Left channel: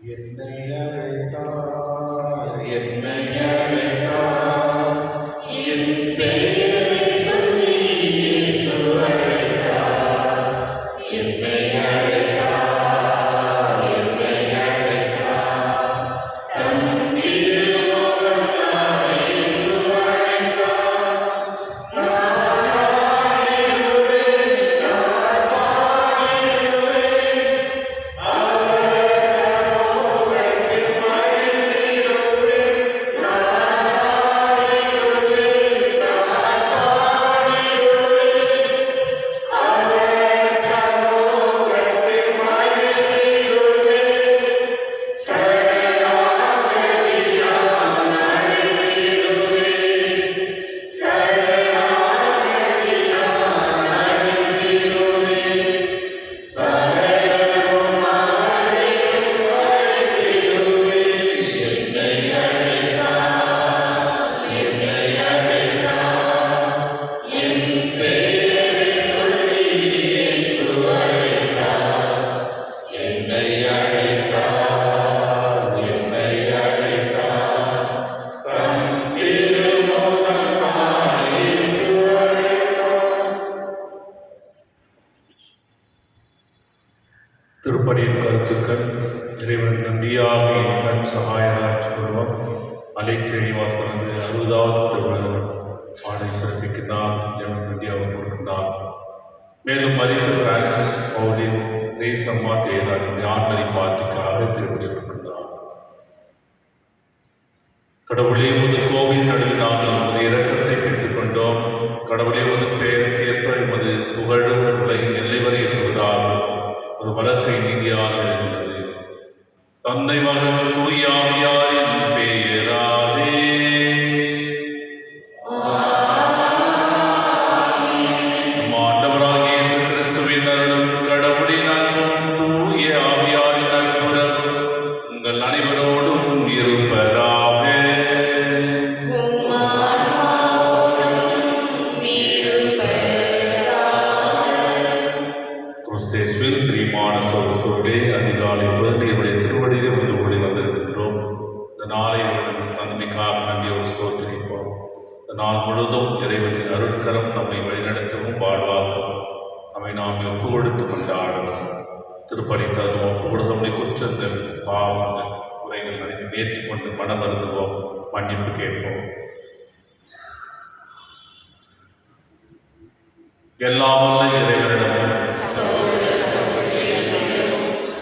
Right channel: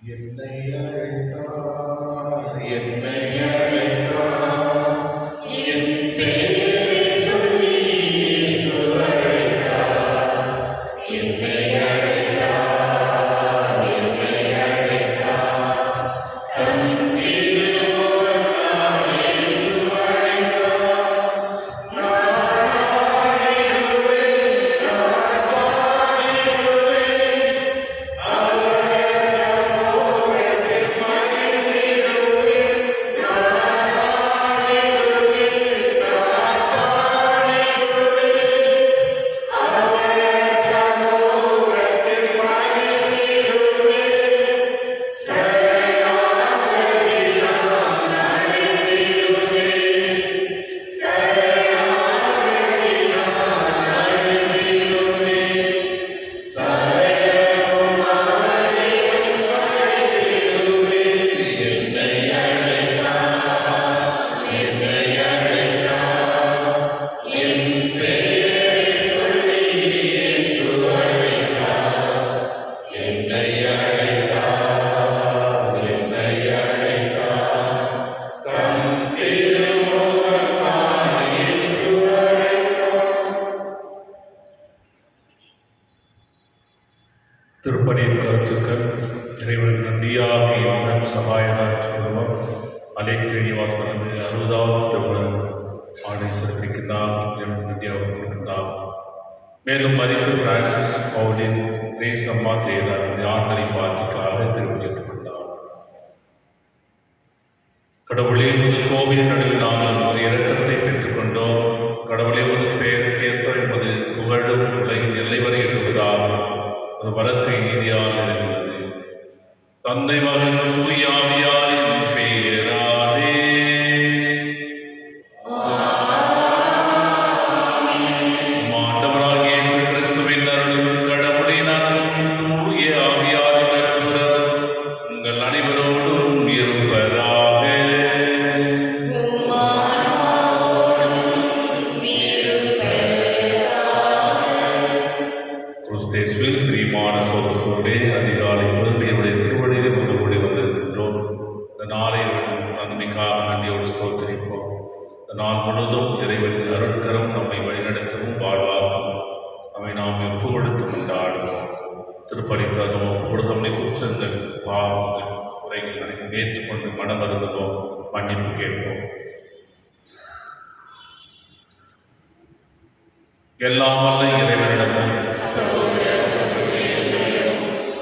என்னை அழைத்தார், என்னை அழைத்தார், என் பெயரை சொல்லி இயேசு அழைத்தார். என்னை அழைத்தார், என்னை அழைத்தார், தம் திருமுகத்தால் இயேசு அழைத்தார். நான் ஆடிடுவேன், நான் பாடிடுவேன், அவர் சமூகத்தில் மகிழ்ந்திடுவேன். நான் ஆடிடுவேன், நான் பாடிடுவேன், அவர் சமூகத்தில் மகிழ்ந்திடுவேன். சரணாகதியால் அடைந்திடுவேன், சரணாகதியால் அடைந்திடுவேன், சரணமும் அடைந்திடுவேன். என்னை அழைத்தார், என்னை அழைத்தார், என் பெயரை சொல்லி இயேசு அழைத்தார். என்னை அழைத்தார், என்னை அழைத்தார், தம் திருமுகத்தால் இயேசு அழைத்தார். திருப்பணியின் கருத்துக்கள். இறைவன் இந்தியாவை கண் சகாயராக சொல்லுவார். அலெக்ஸ் ஸ்ரீனிவாசன் 60வது திருமணம் ஆணை சிறப்பிக்கிறார். இந்தியாவை கொடுக்கிறார். மேலும் மதித்து பிரான்சிஸ் பவுலின் ரேஸ் அம்மா தேர்தல் ஞானமணி பாட்டுக்காக திருப்பணித்துள்ளார். கடவுளே உமது கோவில் நடுவில் நாங்கள் உமது இரக்கத்தை பெற்றுக்கொண்டோம். கடவுளே உமது பெயருக்கு ஏற்ப எமது புகழும் உலகின் எல்லை வரை எட்டுவதாக ஒரு வழக்கை நீதியாக இருந்தது. தந்தை மகன் தூய ஆவியாரின் பெயராலே நம் ஆண்டவராகிய இயேசு கிறிஸ்துவின் அருளும் கடவுளின் அருளும் தூய ஆவியாரின் நட்புறவும் உங்கள் அனைவரோடும் இருப்பதாக. கிறிஸ்தேசுவில் பிரியமான சகோதரர்களே, அதிகாலை தேவனுடைய திருவடியில் ஒன்று கூடி வந்திருக்கின்றோம். இந்த நாளை தன்மைக்காக நன்றியோடு ஸ்தோத்திரிப்போம். இந்த நாள் முழுவதும் இறைவனின் அருட்கரம் நம்மை வழிநடத்தவும் வாழ்வாக்கும் நம்மை நாம் ஒப்பு கொடுத்து கொண்டாடுவோம். திருப்பணி தருவோம். நம்முடைய குற்றங்கள், பாவங்கள், குறைகள் அனைத்தும் ஏற்றுக்கொண்டு மனம் வருந்துவோம், மன்னிப்பு கேட்போம். எல்லாம் வல்ல இறைவனிடமும்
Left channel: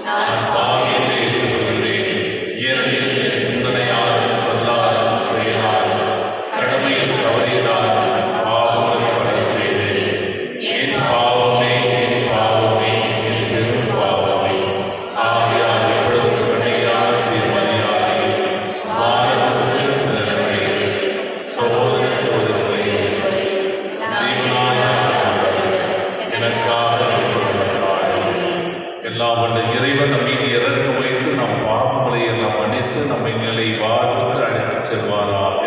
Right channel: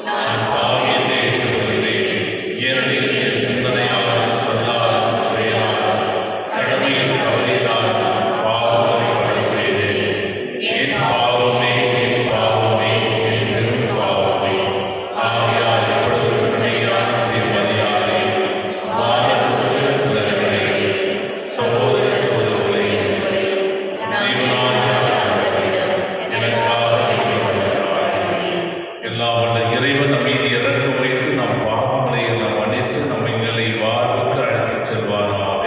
நான் பாவியைச் செய்துள்ளேன். இயற்கையில் சிந்தனையாலும் சொல்லாலும் செயலாலும் கடமையில் தவறினாலும் பாவங்களை பல செய்தேன். என் பாவமே, என் பாவமே, என் பெரும் பாவமே. ஆகையால் எப்பொழுது வினையான தீர்மானியாரே, வானத்துக்கு நிலைமையை சோதனை சோதனைகளை எனக்காக எல்லாம் வல்ல இறைவன் மீது இறக்க வைத்து நம் பாவங்களை எல்லாம் மன்னித்து நம்மை நிலை வாழ்வுக்கு அழைத்துச் செல்வாராக.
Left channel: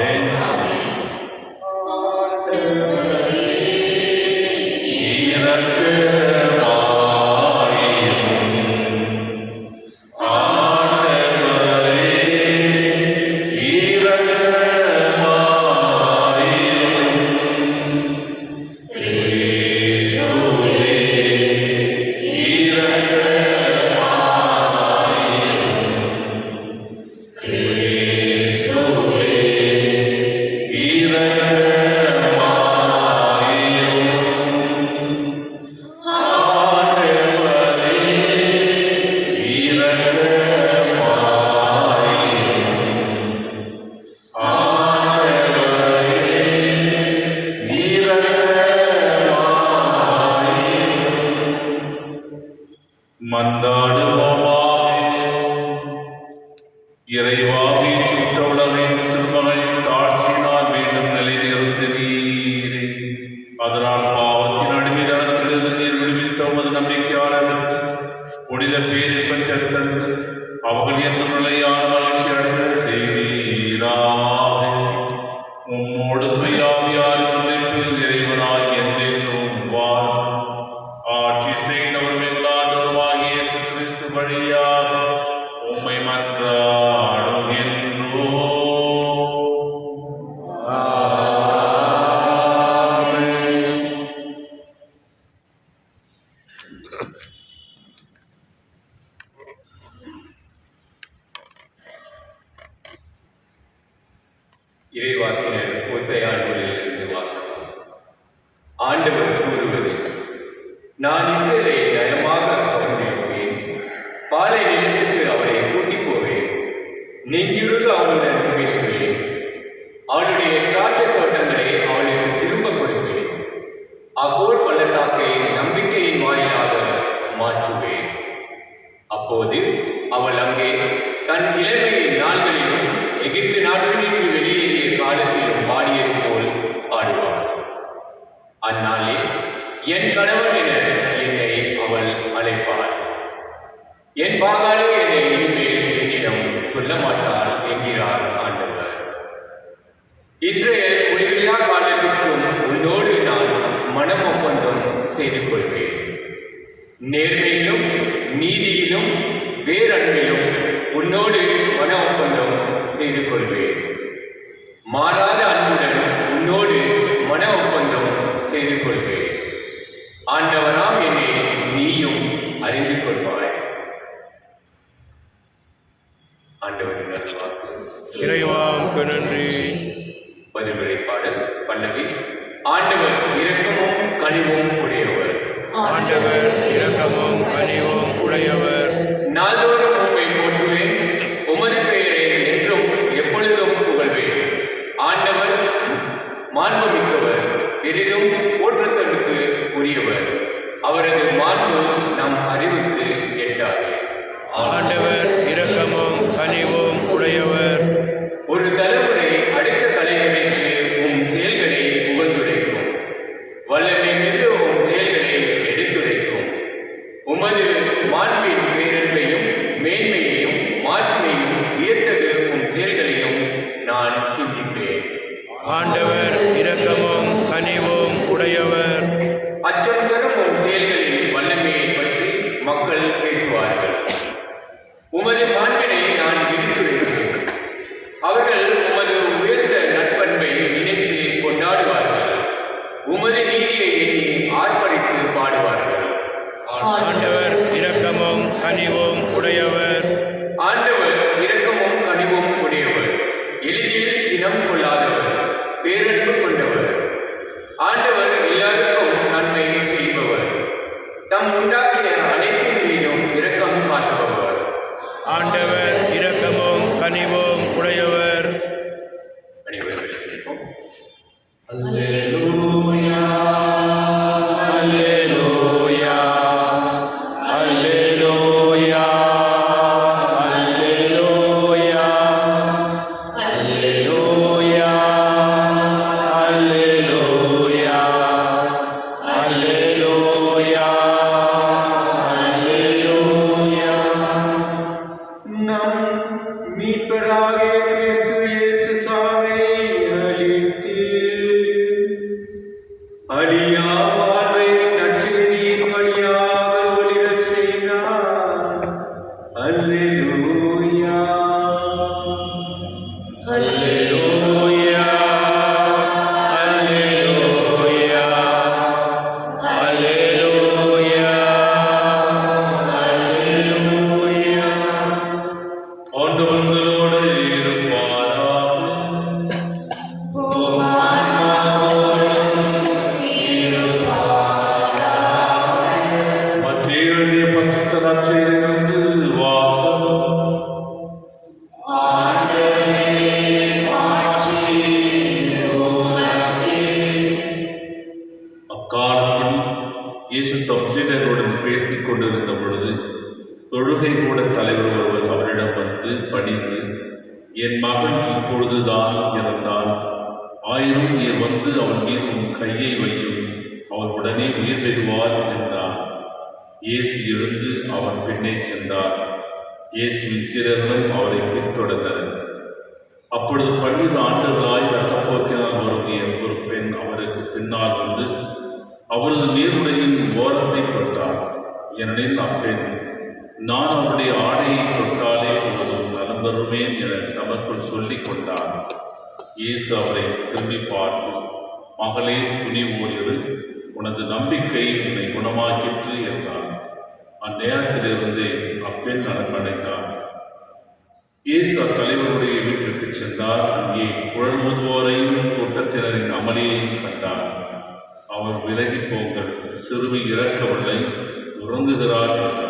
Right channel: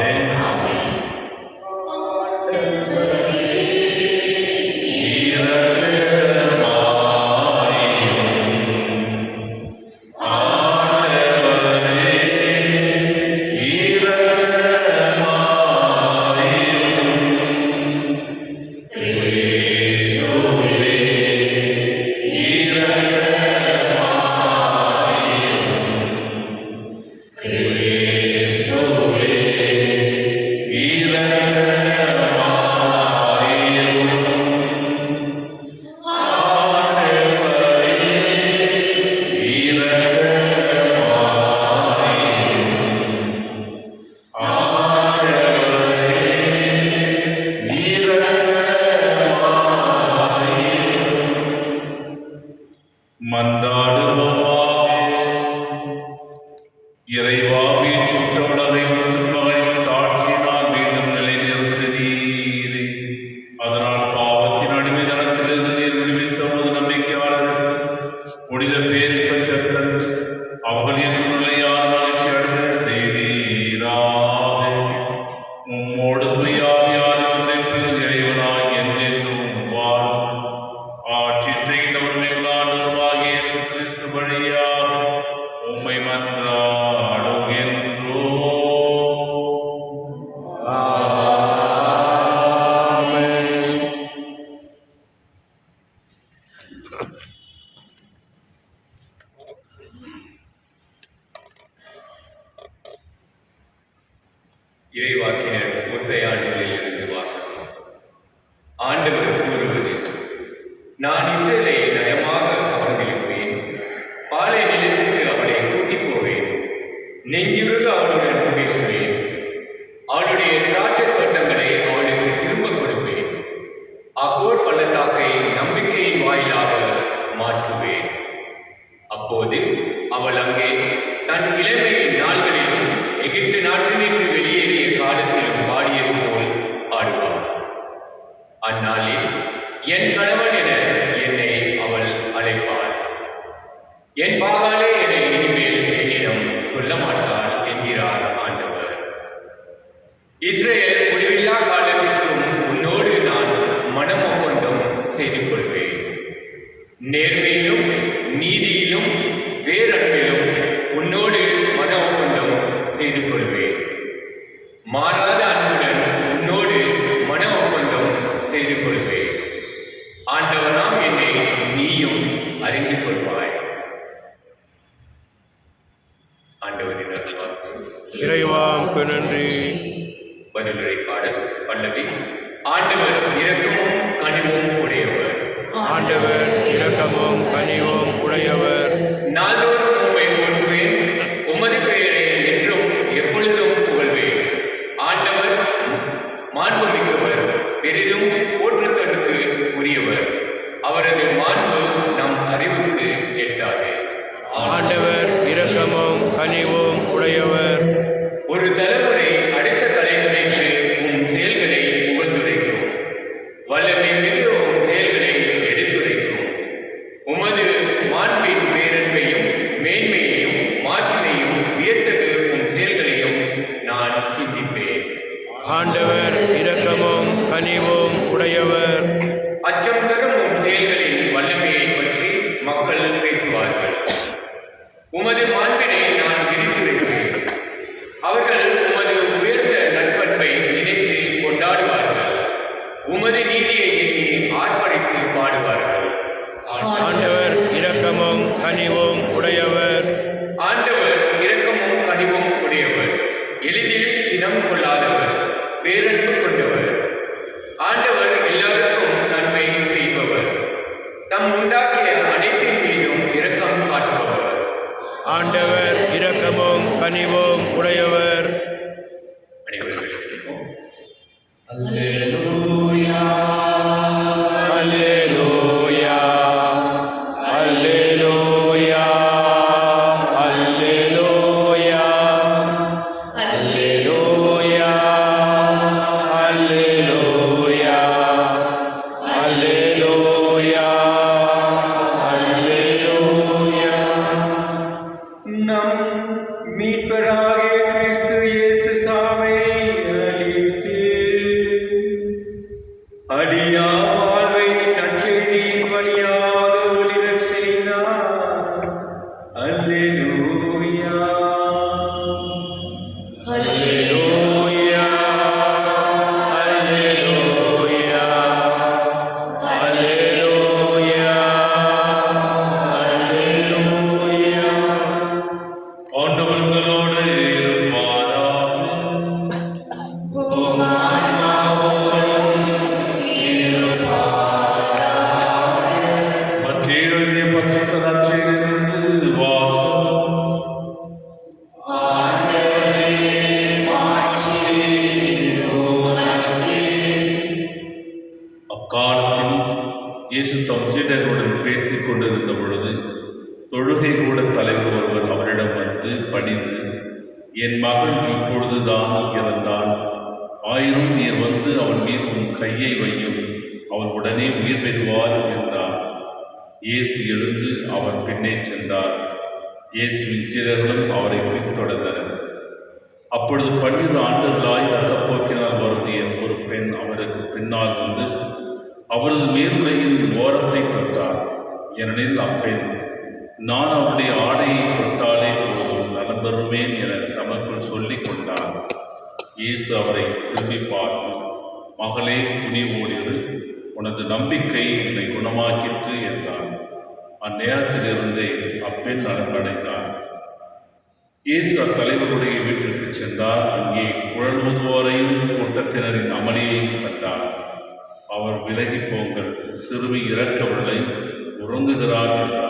இறைவாவி சுற்றவுலகையும் திருமகனின் காட்சியினால் மீண்டும் நிலைநிறுத்தினீரே. அதனால் பாவத்தின் அடிமைதனத்திலிருந்து நீர் விடுவித்த உமது நம்பிக்கையாளருக்கு புனித பேரில் பெற்றெடுத்தது அவர்கள் எங்கும் நிலையான மகிழ்ச்சி அடைந்த செய்தீராக. உம்மோடு துயாவியாரின் ஒன்றிப்பில் இறைவனாய் என்றென்றும் வாழும் ஆட்சி செய்தவரும் எங்களாண்டவருமாகிய இயேசு கிறிஸ்து வழியாக உம்மை மன்றாடுகின்றோம். ஆமென். இறைவாக்கினர் ஓசையா நூலிலிருந்து வாசகம். ஆண்டவர் கூறுவது: நான் இஸ்ரேலை நயமாக கவர்ந்திருப்பேன், பாலை நிலத்துக்கு அவனை கூட்டிப் போவேன், நெஞ்சுருக அவனுடன் பேசுவேன், அவனுடைய திராட்சைத் தோட்டங்களை அவனுக்கு திரும்ப கொடுப்பேன், அகோர் பள்ளத்தாக்கை நம்பிக்கையின் வாயிலாக மாற்றுவேன். அப்போது அவள் அங்கே தன் இளமையின் நாள்களிலும் எகிப்து நாட்டினின்று வெளியேறிய காலத்திலும் பாடியது போல் பாடுவாள். அந்நாளில் என் கணவன் என என்னை அவள் அழைப்பாள். என் பாகாலே என இனிமேல் என்னிடம் சொல்ல மாட்டாள் என்கிறார் ஆண்டவர். இஸ்ரேல் முடிவில்லா காலத்திற்கும் உன்னோடு நான் மனம் ஒப்பந்தம் செய்து கொள்வேன். நேர்மையிலும் நீதியிலும் பேரன்பிலும் உன்னோடு மன ஒப்பந்தம் செய்து கொள்வேன். மாறாத அன்புடன் உன்னோடு மன ஒப்பந்தம் செய்து கொள்வேன். ஆண்டவராம் என்னை நீயும் அறிந்து கொள்வாய். ஆண்டவரின் அருள்வாக்கு. இறைவாக்கு நன்றி. பதிலுரை பாடல் பல்லவி. ஆண்டவர் இரக்கமும் கனிவும் உடையவர். ஆண்டவர் இரக்கமும் கனிவும் உடையவர். நாள்தோறும் உம்மை போற்றுவேன், உமது பெயரை என்றும் எப்பொழுதும் புகழ்வேன். ஆண்டவர் மாண்புமிக்கவர், பெரிதும் போற்றத்தற்கு உரியவர். அவரது மாண்பு நம் அறிவுக்கு எட்டாது. ஆண்டவர் இரக்கமும் கனிவும் உடையவர். ஒரு தலைமுறை அடுத்த தலைமுறைக்கு உம் செயல்களை புகழ்ந்துரைக்கும், வல்லமை மிகு உம் செயல்களை எடுத்துரைக்கும். உமது மாண்பின் பேரன்பையும் மேன்மையையும் மாட்சிமையும் வியத்தகு உம் செயல்களையும் நான் சிந்திப்பேன். ஆண்டவர் இரக்கமும் கனிவும் உடையவர். அச்சம் தரும் உம் செயல்களின் வல்லமையை பற்றி மக்கள் பேசுவார்கள். உமது மாண்பினை நான் விரித்துரைக்கிறேன். அவர்கள் உமது உயர்ந்த நற்பண்பை நினைத்து கொண்டாடுவார்கள். உமது நீதியை எண்ணி ஆர்ப்பரித்து பாடுவார்கள். ஆண்டவர் இரக்கமும் கனிவும் உடையவர். ஆண்டவர் இரக்கமும் கனிவும் உடையவர், எளிதில் சினம் கொள்ளாதவர், பேரன்பு கொண்டவர். ஆண்டவர் எல்லாருக்கும் நன்மை செய்பவர், தம் உண்டாக்கிய அனைத்தின் மீதும் இரக்கம் காட்டுபவர். ஆண்டவர் இரக்கமும் கனிவும் உடையவர். அனைவரும் எழுந்திருப்போம். அல்லேலூயா அல்லேலூயா அல்லேலூயா அல்லேலூயா அல்லேலூயா அல்லேலூயா அல்லேலூயா அல்லேலூயா. நம் மீட்பராகிய கிறிஸ்து இயேசு சாவை அளித்து அழியா வாழ்வை நற்செய்தியின் வழியாக ஒளிரச் செய்தார். அல்லேலூயா. அல்லேலூயா அல்லேலூயா அல்லேலூயா அல்லேலூயா. ஆண்டவர் உங்களோடு இருப்பாராக. மத்திய எழுதிய பரிசுத்த நற்செய்தியிலிருந்து வாசகம். அக்காலத்தில் இயேசு தம் சீடர்களுடன் பேசிக் கொண்டிருந்த பொழுது தொழுகை கூட தலைவர் ஒருவர் அவரிடம் வந்து பணிந்து, என் மகன் இப்பொழுதுதான் இறந்தாள், ஆயினும் நீர் வந்து அவன் மீது உன் கையை வையும், அவள் உடனே உயிர் பெறுவாள் என்றார். இயேசு எழுந்து அவன் பின்னே சென்றார். இயேசுவின் சீடர்களும் அவரை பின்தொடர்ந்தனர். அப்பொழுது 12 ஆண்டுகளாய் இரத்தப்போக்கினால் வருந்திய ஒரு பெண் அவருக்கு பின்னால் வந்து அவரது மேலுடையின் ஓரத்தை தொட்டார். ஏனெனில் அப்பெண் நான் அவருடைய ஆடையை தொட்டாலே போதும் நலம் பெறுவேன் என தமக்குள் சொல்லிக் கொண்டார். இயேசு அவரை திரும்பி பார்த்து, மகளே, துணிவோடிரு, உனது நம்பிக்கை உன்னை குணமாக்கிற்று என்றார். அந்நேரத்திலிருந்தே அப்பெண் நலமடைந்தார். இயேசு அத்தலைவருடைய வீட்டிற்கு சென்றார். அங்கே குழல் ஊதுவோரையும் கூட்டத்தினரின் அமளியையும் கண்டார். அவர் விலகி போங்கள், சிறுமி இறக்கவில்லை, உறங்குகிறார் என்றார்.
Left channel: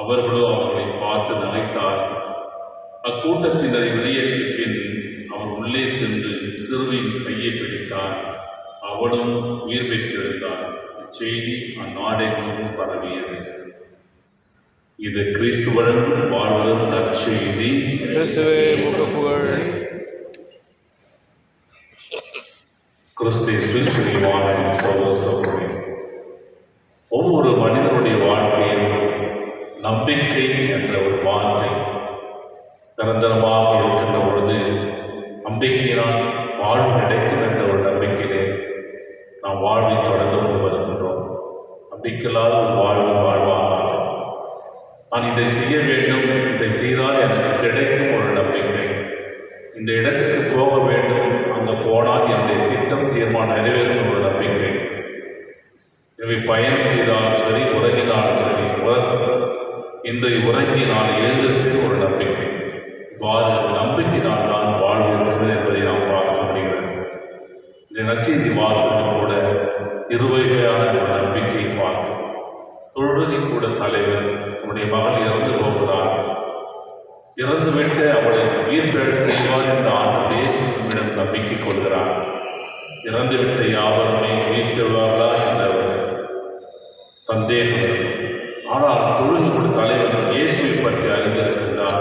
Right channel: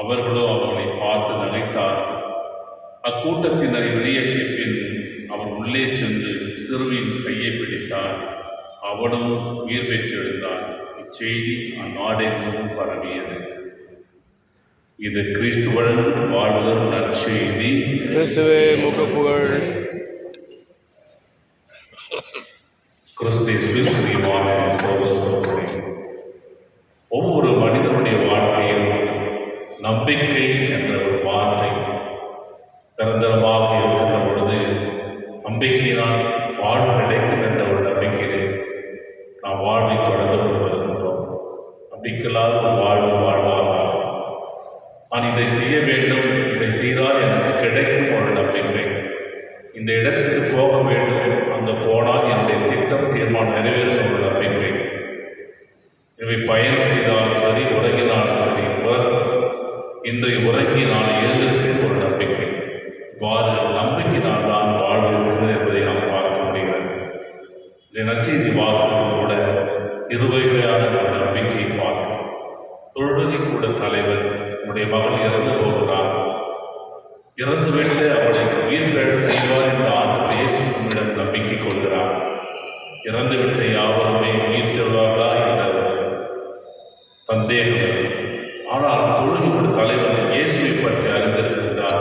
அவர்களோ அவர்களை பார்த்து நகைத்தார்கள். அக்கூட்டத்தினரை வெளியேற்றிய பின் அவர் உள்ளே சென்று சிறுமியின் கையை பிடித்தார். அவளும் உயிர் பெற்றெழுந்தார். இச்செய்தி அந்நாடெங்கும் பரவியது. இது கிறிஸ்து வழங்கும் வாழ்வதும் நற்செய்தி. கிறிஸ்துவே உமக்கு புகழ். கிறிஸ்துவில் பிரியமான சகோதர சகோதரி, ஒவ்வொரு மனிதனுடைய வாழ்க்கையில் நம்பிக்கை என்ற ஒரு வார்த்தை நிரந்தரமாக இருக்கின்ற பொழுது, நம்பிக்கையினால் வாழ்வு கிடைக்கும் என்ற ஒரு நம்பிக்கையிலே நாம் வாழ்வை தொடர்ந்து கொண்டு வருகின்றோம். நம்பிக்கையில்லாத ஒரு வாழ்வாக நான் இதை செய்ய வேண்டும், இதை செய்தால் எனக்கு கிடைக்கும் ஒரு நம்பிக்கை, இந்த இடத்திற்கு போக வேண்டும், அங்கே போனால் என்னுடைய திட்டம் தீர்மானம் நிறைவேறும் ஒரு நம்பிக்கை, எனவே பயணம் செய்தாலும் சரி, உறங்கினாலும் சரி, இன்று உறங்கி நான் எழுந்திருப்பேன் ஒரு நம்பிக்கை. இவ்வாறு நம்பிக்கையினால் தான் வாழ்வு இருக்கிறது என்பதை நாம் பார்க்க முடிகிறது. இந்த நற்செய்தி வாசகம் கூட இருவகையான ஒரு நம்பிக்கையை பார்க்கும். தொழுகை கூட தலைவர் அவருடைய மகள் இறந்து போகிறார். இறந்துவிட்டு அவளை உயிர் பெறச் செய்வார் என்று ஆண்டவர் இயேசு நம்மிடம் நம்பிக்கை கொள்கிறார். இறந்துவிட்ட யாவருமே உயிர் தெழுவார்களா என்ற சந்தேகம். ஆனால் தொழுகையோட தலைவர் இயேசுவை பற்றி அறிந்திருக்கின்றார்.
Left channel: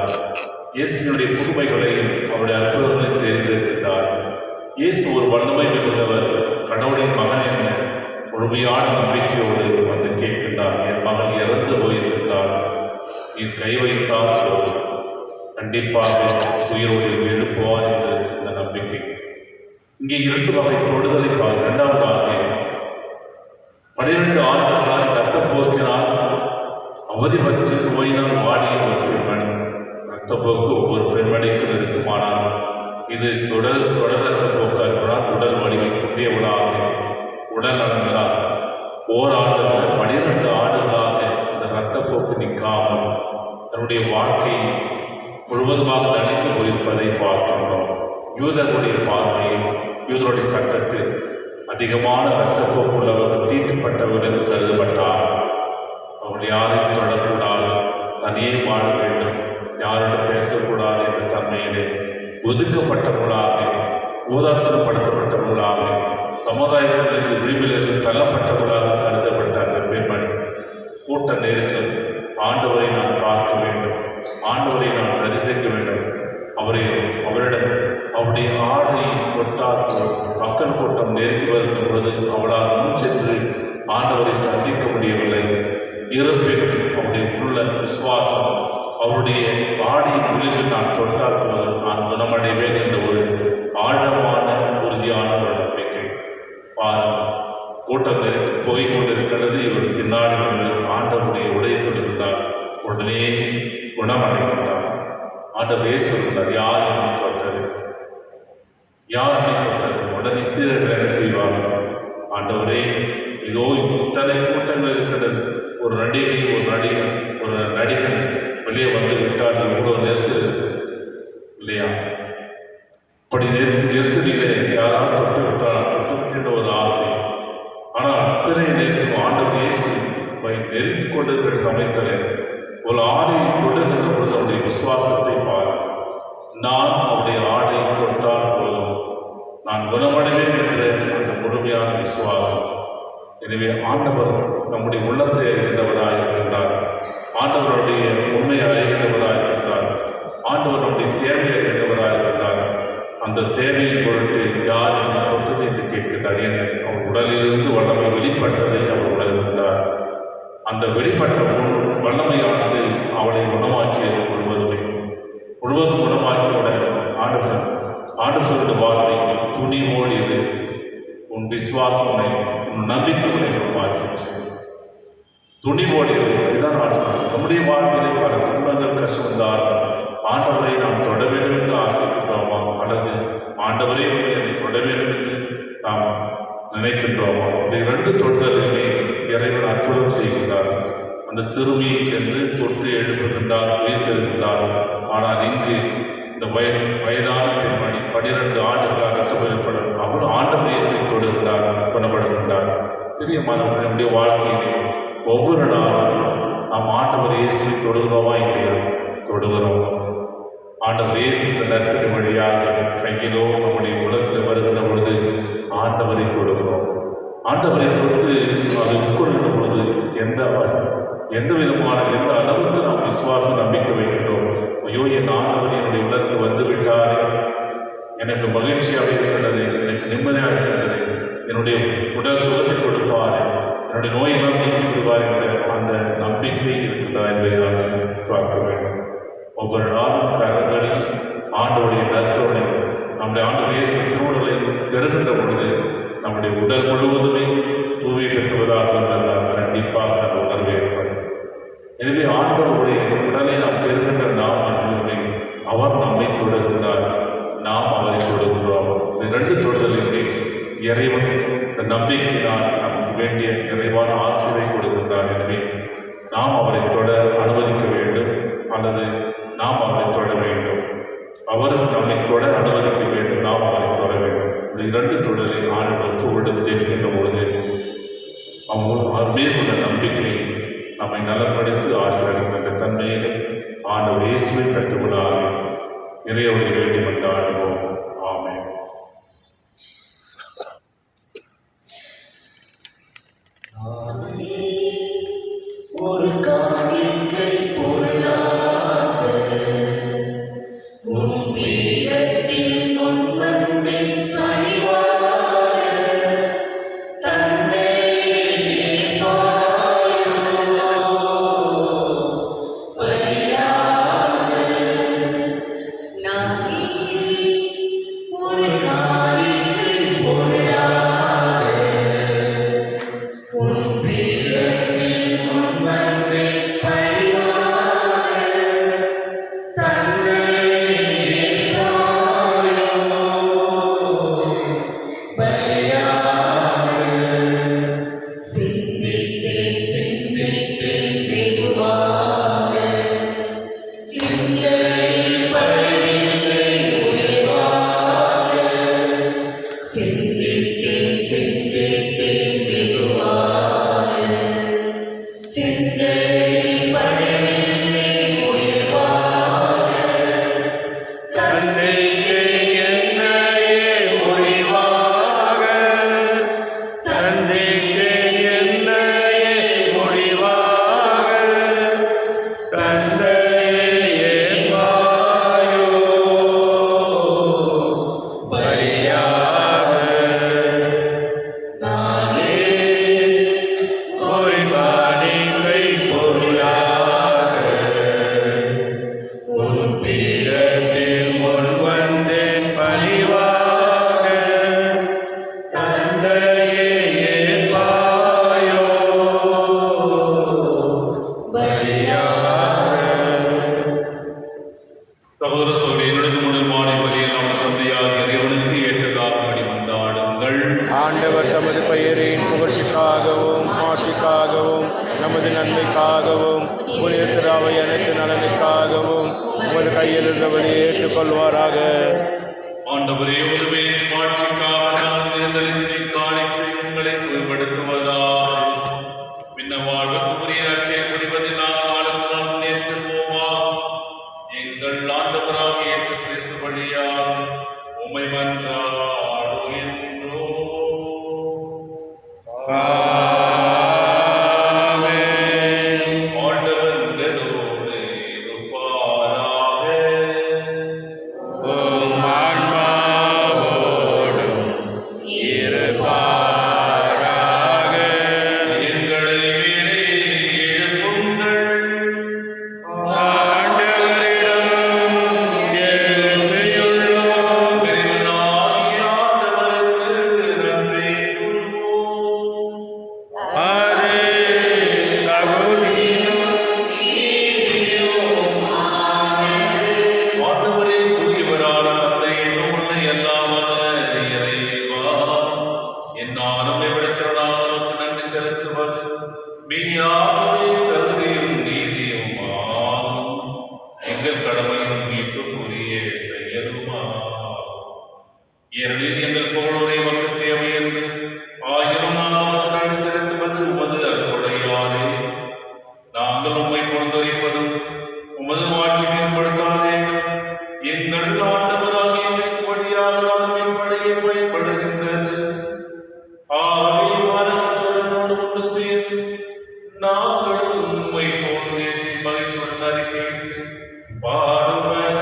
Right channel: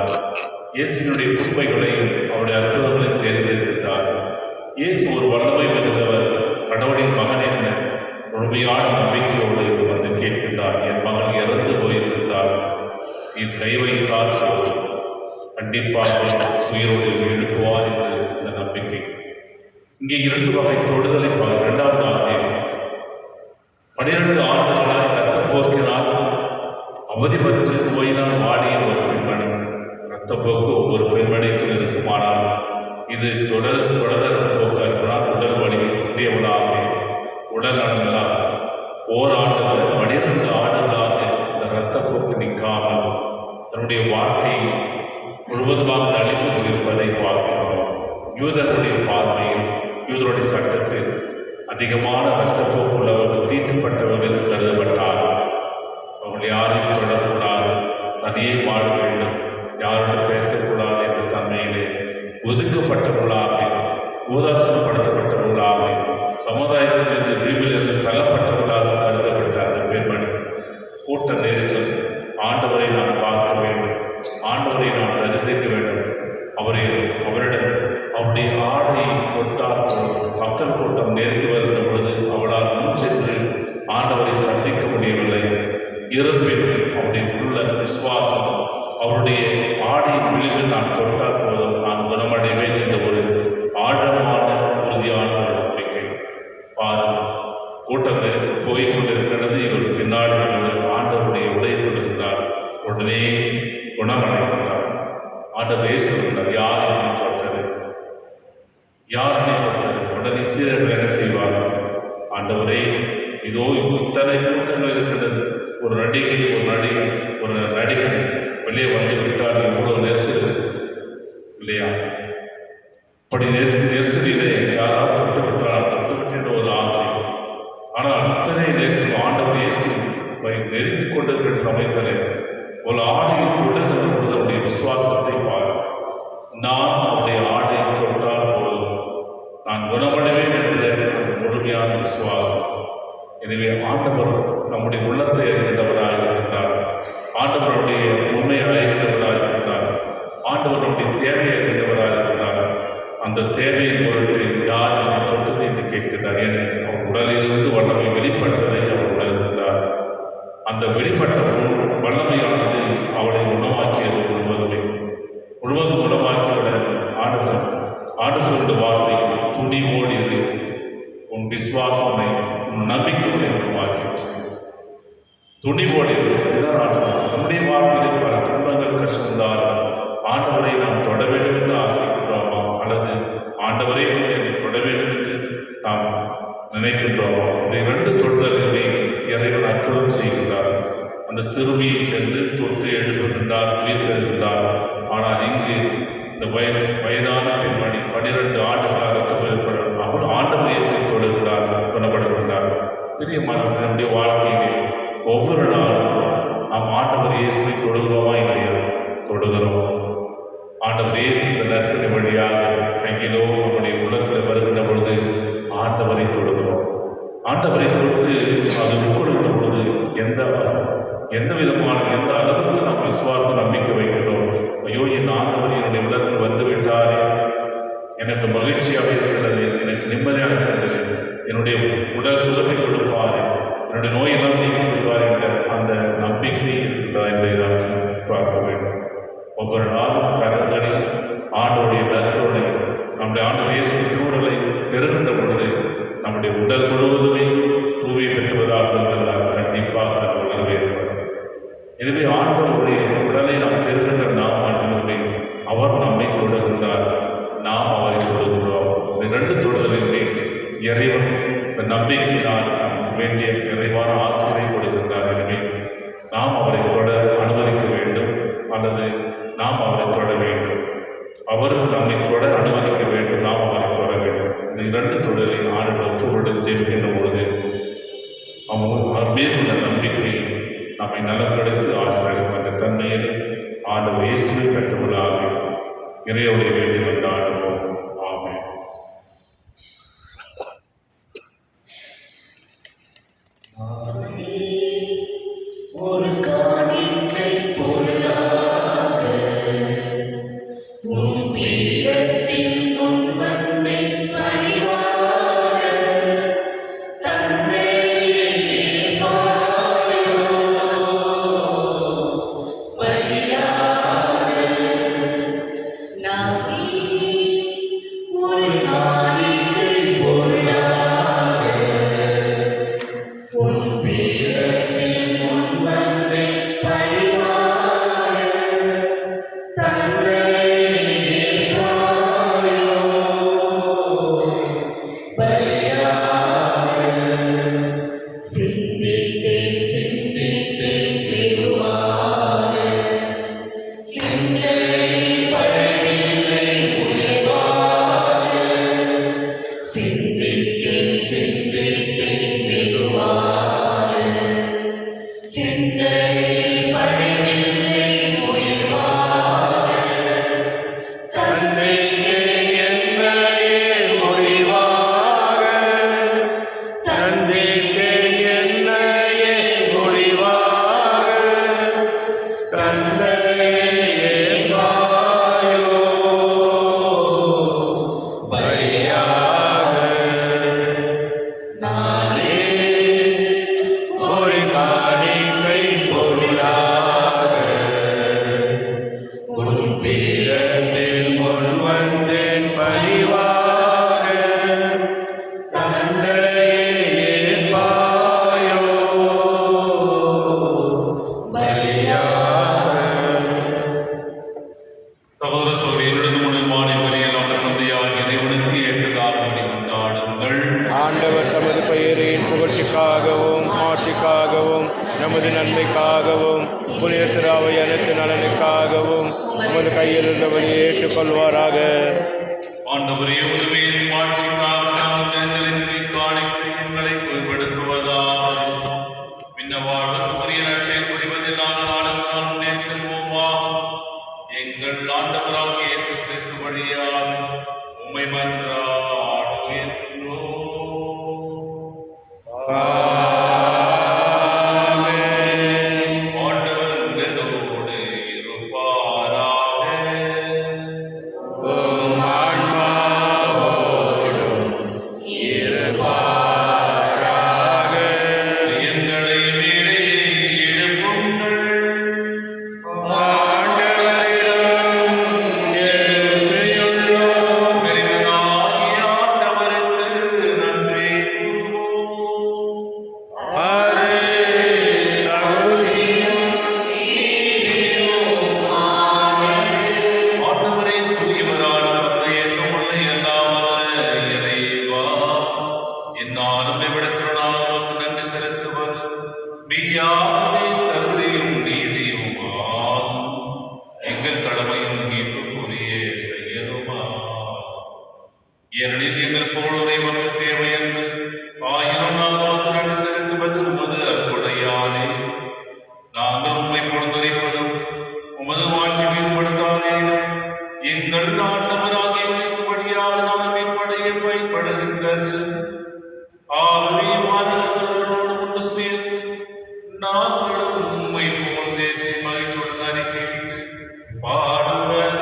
இயேசுவினுடைய புதுமைகளையும் அவருடைய அற்புதங்களையும் தெரிந்திருக்கின்றார். இயேசு ஒரு வல்லமை மிகுந்தவர், கடவுளின் மகன் என்ற முழுமையான நம்பிக்கையோடு வந்து கேட்கின்றார். என் மகன் இறந்து போயிருக்கின்றார், நீர் கை வைத்தால் போதும், கண்டிப்பாக உயிரோடு எழுப்புவார் என்று இந்த நம்பிக்கை. இங்கே 2 வகை தொடுதலை இரண்டாவதாக 12 ஆண்டுகளாய் இரத்தப்போக்கினால் அவதிப்பட்டு நோயினால் வாடிய ஒரு பெண்மணி. இரத்தப்போக்கு ஒவ்வொரு பெண்மணிக்கும் இருக்குமானால் இது தொடர் இரத்தப்போக்காக இருப்பதால் உடல் வலிமை குன்றியவளாக, உடல் நலங்களால் ஓராண்டுகள் 12 ஆண்டுகளாக இந்த இரத்தப்போக்கு நிற்காமல் தன்னுடைய வாழ்க்கையை முழுவதுமாக அழித்து போயிருப்பதை பார்க்கின்றோம். யூதர்களுடைய பார்வையில், யூதருடைய சட்டத்தில் அதிகமான இரத்தப்போக்கு உள்ளவர்கள் தீட்டுப்பட்டவர்கள் என்று கருதப்பட்டார்கள். அவர்கள் யாரையும் தொடரக்கூடாது, தனியே வாழ வேண்டும், யாரிடம் பேசக்கூடாது என்ற தன்மையிலே ஒதுக்கப்பட்டவர்களாக, உதாசீனப்படுத்தப்பட்டவர்களாக, சமுதாயத்திலிருந்து விரிவிலிருந்து தள்ளப்பட்டவர்களாக கருதப்பட்ட அந்த பெண்மணி கூட்ட நெரிச்சல், ஆண்டவரை நான் பார்க்க வேண்டும், ஆண்டவரை நான் தரிசிக்க வேண்டும், அவரிடம் அவருடைய ஆடையை தொட்டால் மக்கள் கூட்டம் நெருங்கி வருகிற பொழுது அவளால் முன் சென்று ஆண்டவரை சந்திக்க முடியவில்லை. இருப்பினும் அவருடைய உள்ள விசுவாசம், அவருடைய ஆடையின் உள்ளில் நான் தொட்டால் போதும் நான் குணமடைவேன் என்ற ஒரு ஆழமான உறுதியான ஒரு நம்பிக்கை. பாருங்கள், கூட்டம் நெருங்கி போய் கொண்டிருக்கிறது. இவர் பின்னாடி ஆண்டவருடைய உடையை கொண்டிருந்தார். உடனே குணமடைகின்றார். ஆண்டவர் இயேசுகிறார், யார் என்னை தொட்டது, யார் என்னை தொட்டது? உடனே சீரர்கள் என்ன செய்வார்கள்? ஆண்டவரே, இதோ இத்தனை கூட்டங்கள் இருக்கிறது, ஒரு நடிகன் வெளியே வந்து விட்டால் இவ்வளவு நெரிசல் இல்லையா? அப்படி நெரிசலிலே யாராவது தொட்டு விட்டால் தொட்டு விட்ட ஒரு ஆசை. ஆனால் அத்தனை நெரிசல் ஆண்டவர் இயேசு நெருங்கிக் கொண்டிருக்கிற சமயத்தில் ஒரு ஆடையை தொடுகிற பொழுது அவருடைய விசுவாசத்தை பார். நான் அவருடைய ஆடையை தொட்டால் போதும் நான் குணமடைவேன் என்ற அந்த முழுமையான விசுவாசம். எனவே ஆண்டவர் நம்முடைய உள்ளத்தை அறிகின்றவராக இருக்கின்றார். ஆண்டவருடைய உண்மையை அறிகின்றவராக இருக்கின்றார். ஆண்டவர் நம்முடைய தேவையை அறிகின்றவராக இருக்கின்றார். அந்த தேவையின் பொருட்டு யார் என்னை தொட்டது என்று கேட்கின்றார். அவர் உடலிலிருந்து வல்லமை வெளிப்பட்டதை அவர் உணர்கின்றார். அந்த வெளிப்பட்ட வல்லமையானது அவளை குணமாக்கியது முழுவதும் குணமாக்கியுடன் ஆண்டவர் சொல்லுடைய வார்த்தை, துணிவோடியது உன் விசுவாசனை, உன் நம்பிக்கையை குணமாக்கிற்று. துணிவோடியது இதுதான் நம்முடைய வாழ்வில் சிறுமியை சென்று தொட்டு எழுப்புகின்றார், உயிர் தருகின்றார். ஆனால் இங்கு இந்த வயதான பெண்மணி 12 ஆண்டுகளாக ரத்தப்பரிப்படும் அவர் ஆண்டவர் இயேசுவை தொடுகிறார், குணப்படுகின்றார். பிரியமானவர்களே, நம்முடைய வாழ்க்கையிலே ஒவ்வொரு நாளும் நாம் ஆண்டவர் இயேசுவை தொடுகிறோமா இல்லையா? தொடுகிறோம். ஆண்டவர் இயேசு நற்கரை வழியாக கையிலோ நம்முடைய உள்ளத்தில் வருகிற பொழுது ஆண்டவரை தொடுகிறோம். ஆண்டவரை தொட்டு அதை உட்கொள்கிற பொழுது எந்த விதமான எந்த அளவுக்கு நாம் விசுவாச நம்பிக்கை வைக்கிறோம். ஐயோ, என் ஆண்டவர் என்னுடைய உள்ளத்தில் வந்து விட்டாரே, எனக்கு மகிழ்ச்சியாக இருக்கின்றது, எனக்கு நிம்மதியாக இருக்கின்றது, என்னுடைய உடல் சுகத்தை கொடுப்பார், என்னுடைய நோயெல்லாம் நீக்கி விடுவார் என்ற அந்த நம்பிக்கை இருக்கின்றதா என்பதை நான் பார்க்க வேண்டும். ஒவ்வொரு நாளும் கரங்களில் ஆண்டோடைய நற்கருணை நம்முடைய ஆண்டு இயேசு திருவுடலை பெறுகின்ற பொழுது நம்முடைய உடல் முழுவதுமே தூவை பெற்றுவதாக இருந்தால் கண்டிப்பாக அந்த உணர்வு ஏற்படும். எனவே ஆண்டவருடைய உடலை நாம் பெறுகின்ற நாம் அனைவருமே அவர் நம்மை தொடுகின்றார், நாம் அவரை தொடுகின்றோம். இந்த 2 தொடுதலிலே இறைவன் இந்த நம்பிக்கையினால் நமக்கு வேண்டிய நிறைவான ஆசிரியை கொடுக்கின்றார். எனவே நாம் அவரை தொட அனுமதிக்க வேண்டும், அல்லது நாம் அவரை தொட வேண்டும். அவரும் நம்மை தொட அனுமதிக்க வேண்டும், நாம் அவரை தொட வேண்டும். இந்த 2 தொழிலை ஆண்டு ஒற்றுவிடுத்து இருக்கின்ற பொழுது அவர் மீது உள்ள நம்பிக்கை நம்மை நலப்படுத்தி ஆசிரியர் அந்த தன்மையிலே ஆண்டவர் இயேசுவை கட்டுவிடாக இறைவனை வேண்டி வந்து ஆடுவோம். ஆமென். ஒரு காணிக்கை பொருளாக உம் பீடத்தின் முன் வந்து பணிவாக தந்தையே ஏற்பாயோ பலியாக நானே ஒரு காணிக்கை பொருளாக உம் பீடத்தின் முன் வந்து பணிவாக தந்தையே ஏற்பாயோ பலியாக சிந்தித்தேன் வெகுவாக சிந்தையில் படவில்லை உயர்வாக சிந்தித்தேன் வெகுவாக சிந்தையில் படவில்லை உயர்வாக தந்தேன் என்னையே முடிவாக, தந்தேன் என்னையே முடிவாக, தந்தையே ஏற்பாயோ பலியாக நானே ஒரு காணிக்கை பொருளாக உம் பீடத்தில் முன் வந்தேன் பணிவாக தந்தையே ஏற்பாயோ பலியாக. சகோதர சகோதரிகளுடைய மாலை வழியிலான தந்தையாக இறைவனுக்கு ஏற்றதாகும்படி கொண்டாடுங்கள். ஆண்டவர் தமது பெயரின் புகழ்ச்சிக்காகவும் மாட்சிக்காகவும் நமது நன்மைக்காகவும் புனித திராவை அனைத்து நலனுக்காகவும் உமது கையில் இருந்த வழியை ஏற்றுக்கொள்வாராக. ஆண்டவரே, உம்முடைய மாட்சிக்காக எங்களை தூய்மைப்படுத்துவதாக விண்ணவாழ்வுக்குரிய நற்செய்தி புரிவதில் நாளுக்கு நாள் முன்னேறி செல்வோமா. எங்கள் ஆண்டவராகிய இயேசு கிறிஸ்து வழியாக உம்மை மன்றாடுகின்றோம். ஆமென். ஆண்டவர் உங்களோடு இருப்பாராக. உம் ஆன்மாவோடும் இரு எங்கள் கடமையும் மீட்புக்குரிய செயலுமா. ஏனெனில் எங்கள் போலோரை மக்கள் தேவை என்று ஆயிரம் நாள் செலுத்துவது உமது அருள்கொடையாலே நாங்கள் உம்மை கொண்டறிப்பதும் உமது ஆட்சி மீதுபடுத்தாதே எங்கள் ஆண்டவராகிய கிறிஸ்துவடியாக நாம் இப்படைய பயன்படுகின்றது. ஆவே வானகத்தோடு ஒன்று சேர்ந்து நாங்களும் உம்மை போன்றே மகிழ்ச்சியுடன் அறிக்கையிட்டு பாடுவதாவது.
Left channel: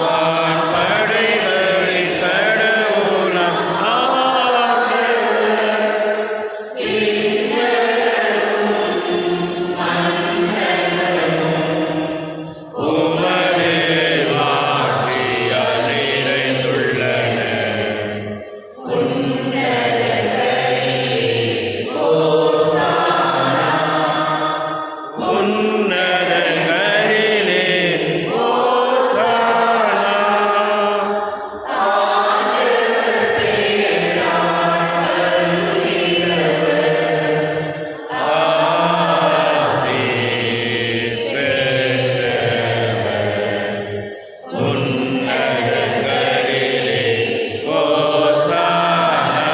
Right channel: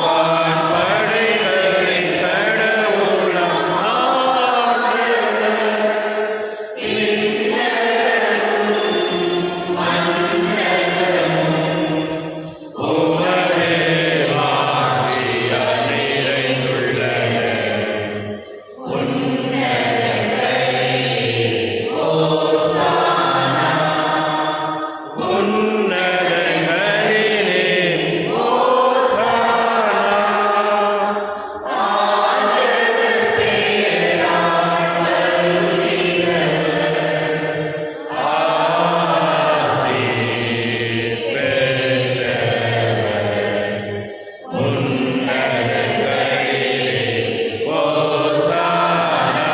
வான்படைகளின் கடவுளம் ஆண்டவர், உமது ஆட்சியால் நிறைந்துள்ளன. உன்னதங்களிலே ஓசானா. ஆசீர் பெற்றவர் உன்னதங்களிலே ஓசானா.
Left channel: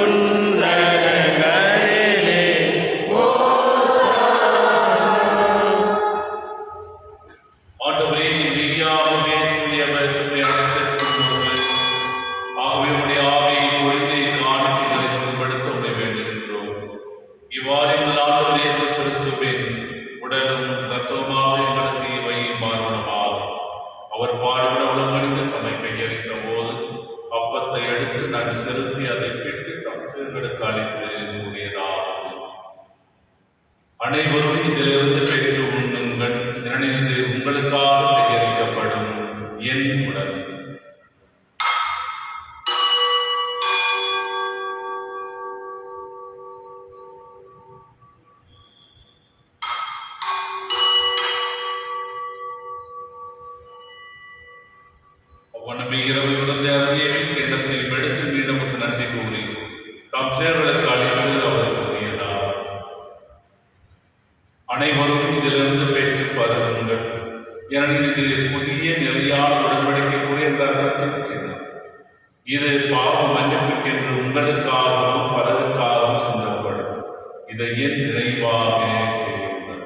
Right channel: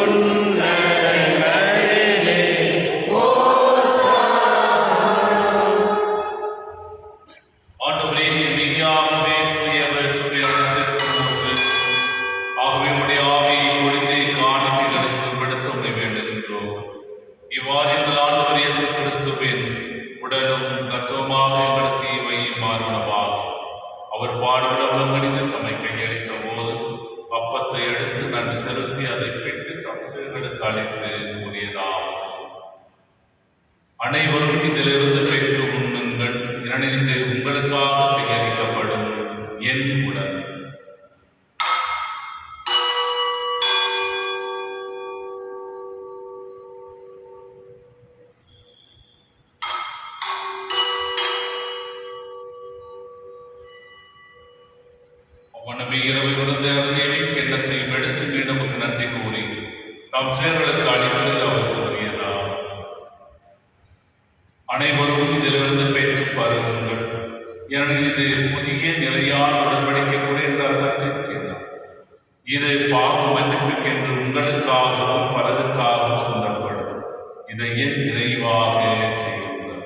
உன்னதங்களிலே ஆண்டவரே, நீர் மெய்யாகவே தூயவர், தூயவர். ஆகவே உம்முடைய ஆவியை பொழிந்து இக்காணிக்கைகளுக்கு உட்படுத்த உம்மை வேண்டுகின்றோம். இவ்வாறு எங்கள் ஆண்டவர் இயேசு கிறிஸ்துவின் உடலும் இரத்தமுமாக எங்களுக்கு இவை மாறுவனவாகும். அவர் பாடுபட உடன்படிந்து தம்மை கையளித்த போது அப்பத்தை எடுத்து நன்றி செலுத்தி அதை பிட்டு தம் சீடர்களுக்கு அளித்து கூறியதாகும். அனைவரும் இதிலிருந்து பெற்று உண்ணுங்கள், ஏனெனில் இது உங்களுக்காக கையளிக்கப்படும் என் உடல். அவ்வண்ணமே இரவு விருந்து அருகிய கிண்ணத்தையும் எடுத்து மீண்டும் நன்றி கூறி தம் சீடர்களுக்கு அளித்து அவர் கூறியதார். அனைவரும் இதிலிருந்து பெற்று பருகுங்கள், ஏனெனில் இது புதிய நிலையான உடன்படிக்கைக்குரிய இந்த ரத்தத்தின் கிண்ணம். இது பாவ மன்னிப்புக்கென்று உங்களுக்காகவும் பலருக்காகவும் சிந்தப்படும். இதை என் நினைவாக செய்யுங்கள்.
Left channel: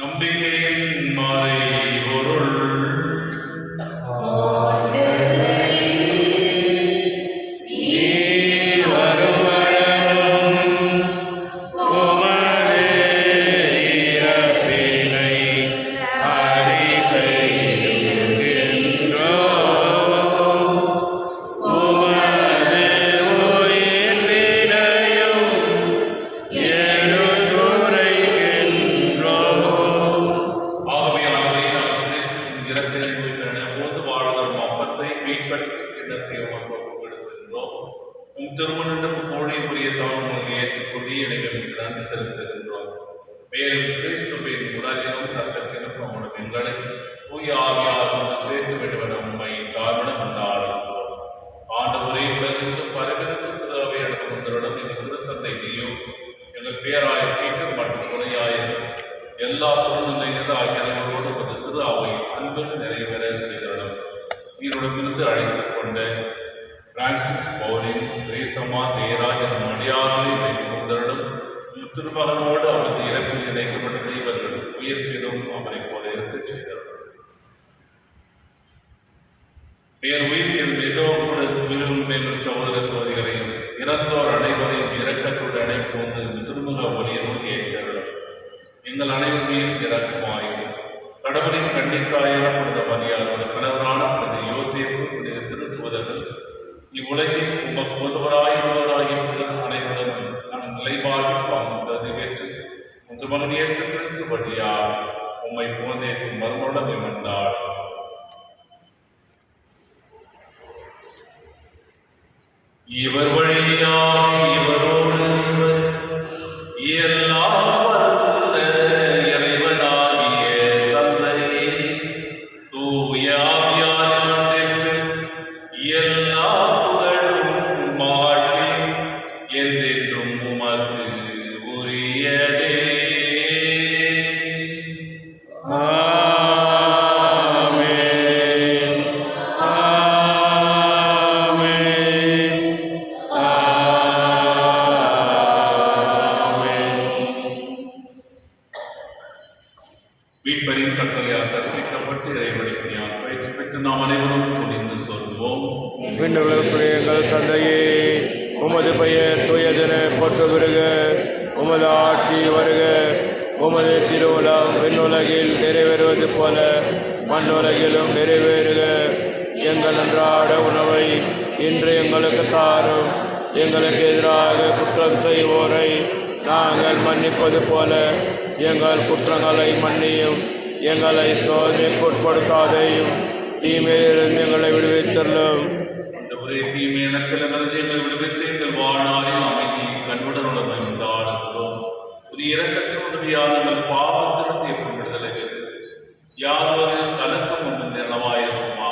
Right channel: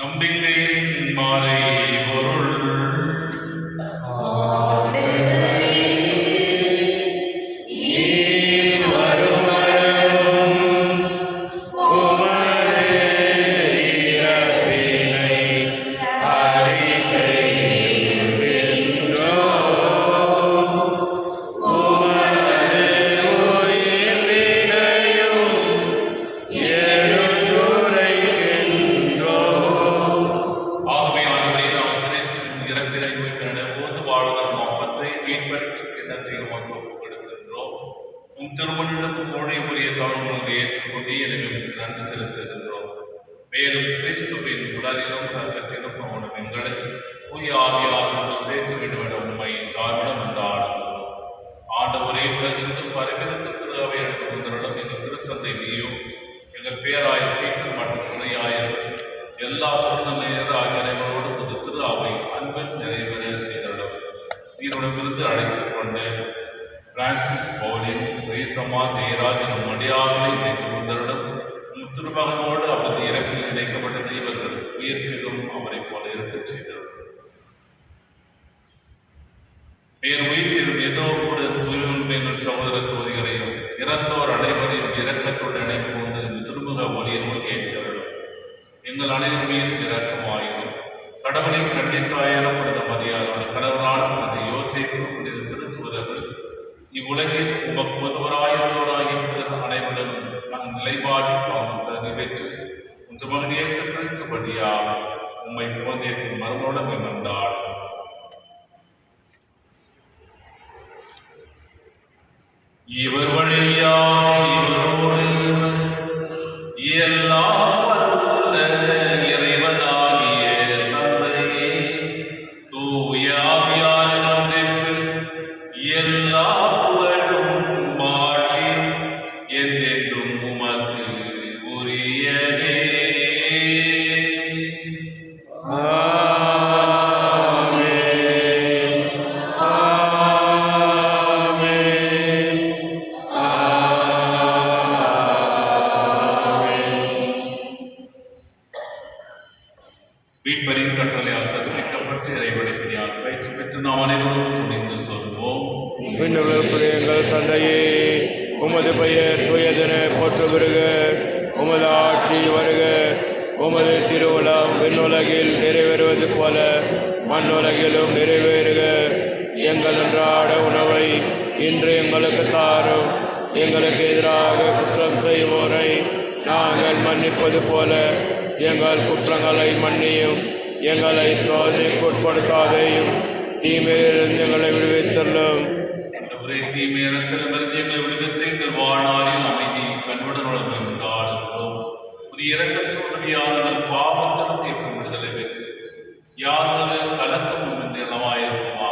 நம்பிக்கையின் மாலை பொருள். நீர் வருவனவும் உமது இறப்பினை அறிக்கையிடுகின்றோம். உமது உயிர்ப்பினையும் எடுத்துரைக்கின்றோம். ஆகவே ஆண்டவரே, நாம் கிறிஸ்துவின் இறப்பினை போது வாழ்வரும் அப்பத்தை மீட்பளிக்கும் கிண்ணத்தையும் ஒப்புக் கொடுக்கின்றோம். உம் திருமணத்துக்கு மொழிக்குரிய தவறுகளை ஏற்றுக்கொண்டு எனக்கு நன்றி செலுத்துகின்றோம். மேலும் கிறிஸ்துவின் உடலிலும் ரத்தத்திலும் நம்முடைய பெண்களை தூய ஆவியார் ஒன்று சேர்க்க வேண்டும் என உண்மை தாழ்விடம் உண்டாடுகின்றோம். ஆண்டவரே, உலகெங்கும் பரவிருந்து திருவாவை அனுப்புவதனுடன் எங்கள் திருத்தந்தை நீயும் எங்கள் பேராயர் பீட்டர் மற்றும் துணையாயர் எல்லா திருநங்கைகள் ஆகிய அனைவரோடு ஒரு திரு அவை அன்பில் நிறைவேற செய்தனர். நீருடனிருந்து அழைத்துக் கொண்ட பிரான்சிஸ் பவுலின் ரேசமா தேராஜ் எனும் அடியார்களை வைத்துக் கொண்டவுடன் திருமகனோடு அவரது இறப்பில் இணைக்கப்பட்ட இவர்கள் உயிர்ப்பிலும் அவரை போல இருக்கச் செய்தனர். மேல் உயிர்ப்பில் ஏதோ கூட உயிர்மைகள் சகோதர சோதரிகளை இறந்தோர் அனைவரையும் இரக்கத்துடன் அணைப்போது திருமுக ஒளியனும் ஏற்றரும். எங்கள் அனைவரையும் இரக்கமாயிரும். கடவுளின் கண்டித்தாயார் உமது மரியாதை கணவனான உமது யோசேப்பு திருத்துவதற்கு இவ்வுலகில் உமக்கு ஒருவராயிருந்தவராகிய அனைவரும் நம் நிலைப்பாடு வாழ்ந்து நிறைவேற்று உன் மகன் இயேசு கிறிஸ்து வழியாக உம்மை போன்றேற்று மறுநோடமை கொண்டாடும். இவர் வழியாக இவரோடு எல்லாம் வல்ல இறைவனாகிய தந்தையே, தூய ஆவியார் ஒன்றிற்கு எல்லா புகழும் மாட்சியும் என்றென்றும் உமக்கு உரியதே. ஆமென். ஆமென். ஆமென். மீட்பரின் கட்டளையால் கற்பிக்கப்பட்டு இறைவனின் பயிற்சி பெற்று நாம் அனைவரும் துணிந்து சொல்வோம். விண்ணுலகத்துடைய எங்கள் தந்தையே, உமது பெயர் தூயதென போற்ற வருக. உமது ஆட்சி வருக. உமது திருவுளம் விண்ணுலகில் நிறைவேறுவது போல மண்ணுலகிலும் நிறைவேறுக. எங்கள் அன்றாட உணவை இன்று எங்களுக்கு தாரும். எங்களுக்கு எதிராக குற்றம் செய்வோரை நாங்கள் மன்னிப்பது போல எங்கள் குற்றங்களை மன்னியும். எங்களை சோதனைக்கு உட்படுத்தாதையும், தீமையிலிருந்து எங்களை விடுவித்தள்ளும். ஒரே தீமையிடத்திலிருந்து எங்களை விடுவித்து எங்கள் வாழ்நாளில் அமைதி கண்புடன் உணவை உண்டாடுகிறோம். புதிய இறக்கத்தில் உதவியாக எங்கள் பாவத்திலிருந்து எப்படி விடுதலை பெற்று யாதொரு கலக்கும் நிலமாயிருக்குமா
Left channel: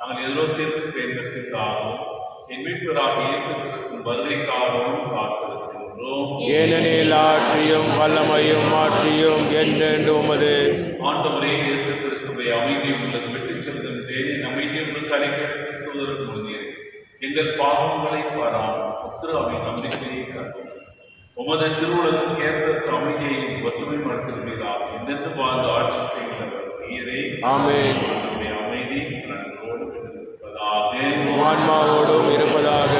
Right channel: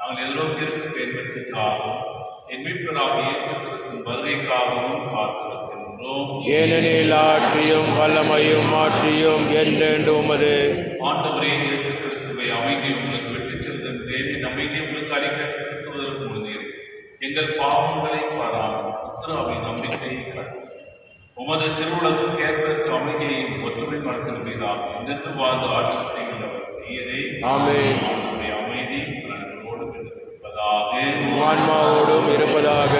நாங்கள் எதிர்நோக்கியிருக்கும் பேரத்திற்காகவும் என் மீட்பராக இயேசு கிறிஸ்துவின் வருகைக்காகவும் காத்திருக்கின்றோம். ஏனெனில் ஆட்சியும் வல்லமையும் மாட்சியும் என்றென்று உமது. ஆண்டவரே இயேசு கிறிஸ்துவை அமைதியை உங்களுக்கு விட்டுச் செல்கின்றேன். என் அமைதியை உங்களுக்கு அளிக்க திருத்துவதற்கு முன்னேறி எங்கள் பாவங்களை பாராமல் உத்தரவின் நம்பிக்கையை காட்டும். உமது திருவுலகத்துக்கு ஏற்பட்ட அமைதியையும் ஒற்றுமை மரத்திருக்கிறார் என்றென்று வாழ்ந்து ஆட்சி செய்கிறவர் நீரே. ஆமென். நம்முடைய அமைதி நன்றோடு இருப்பதாக. ஆன்மாவோடும் இருப்பதாக.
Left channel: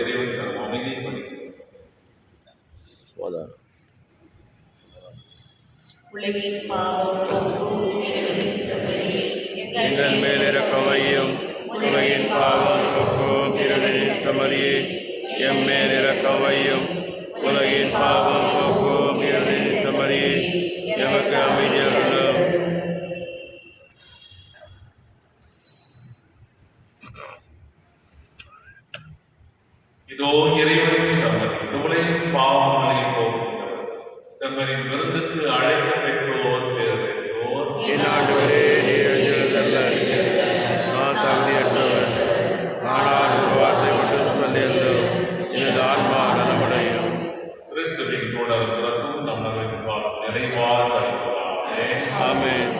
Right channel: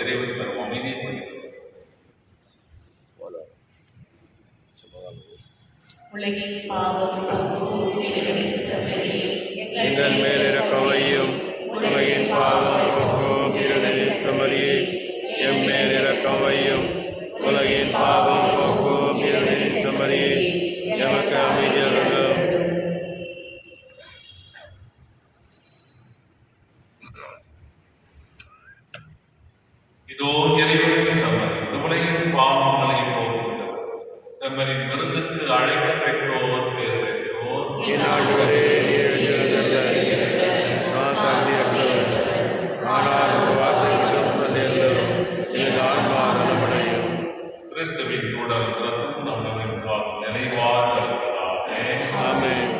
இறைவன் தரும் அமைதியை படிக்கிறோம். உலகின் பாவம் போக்கும் இறைவனின் சமரியே, எங்கள் மேல் இரக்கவையும். உலகின் பாவம் போக்கும் இருளின் சமரியே, எம் மேல் இரக்கவையும். உலகின் பாவம் போக்கும் இருளின் சமரியே, எமக்கு அமைதி அருளும். இதோ இறைவனின் சமரி உலகின் பாவங்களை போக்குகிறது. தங்களின் விருந்துக்கு அழைக்க பெற்றோர் பேர் பெற்றோர். என் ஆண்டவரே, நீர் எழுதியதல்ல, நான் தகுதியற்றவர். ஆனால் ஒரு வார்த்தை மட்டும் சொல்லியிருந்தோம், எனது ஆன்மா நலமடையும். கிறிஸ்துவின் உடல் ரத்தம் நம்மை நிறைவாக இருப்பதாக. ஆமென்.